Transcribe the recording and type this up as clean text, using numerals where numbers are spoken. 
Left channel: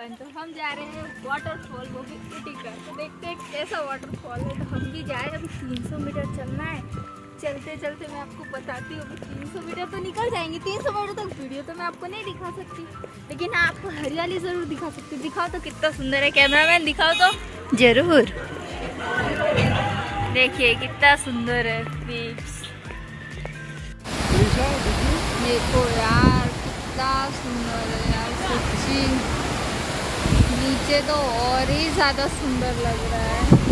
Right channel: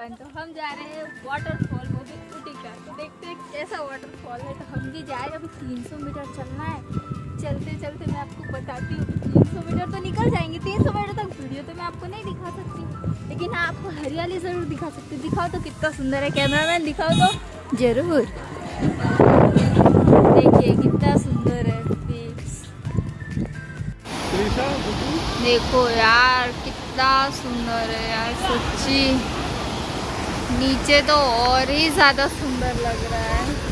तो हम जा रहे हैं वाटरफॉल, वो भी ऊटी का। तो देखते हैं कैसा वाटरफॉल है। तो हम भी जाए, अभी 300 मीटर चलना है। चलते चलते मैं आपको बताती हूँ, 300 मीटर तो निकल जाएंगे। 300 मीटर तक वीडियो तो मैं आपको नहीं दिखा सकती, लेकिन हाँ आपको हरियाली ज़रूर दिखा सकती हूँ। दिखाओ तो कितना सुंदर है, कैमरामैन दिखाओ तो जरूर। देखिए कितना सुंदर है पीक्स। देखो यार कितना सुंदर है यार, सच्ची नीचे तो और ही ज़्यादा सुंदर लग रहा है।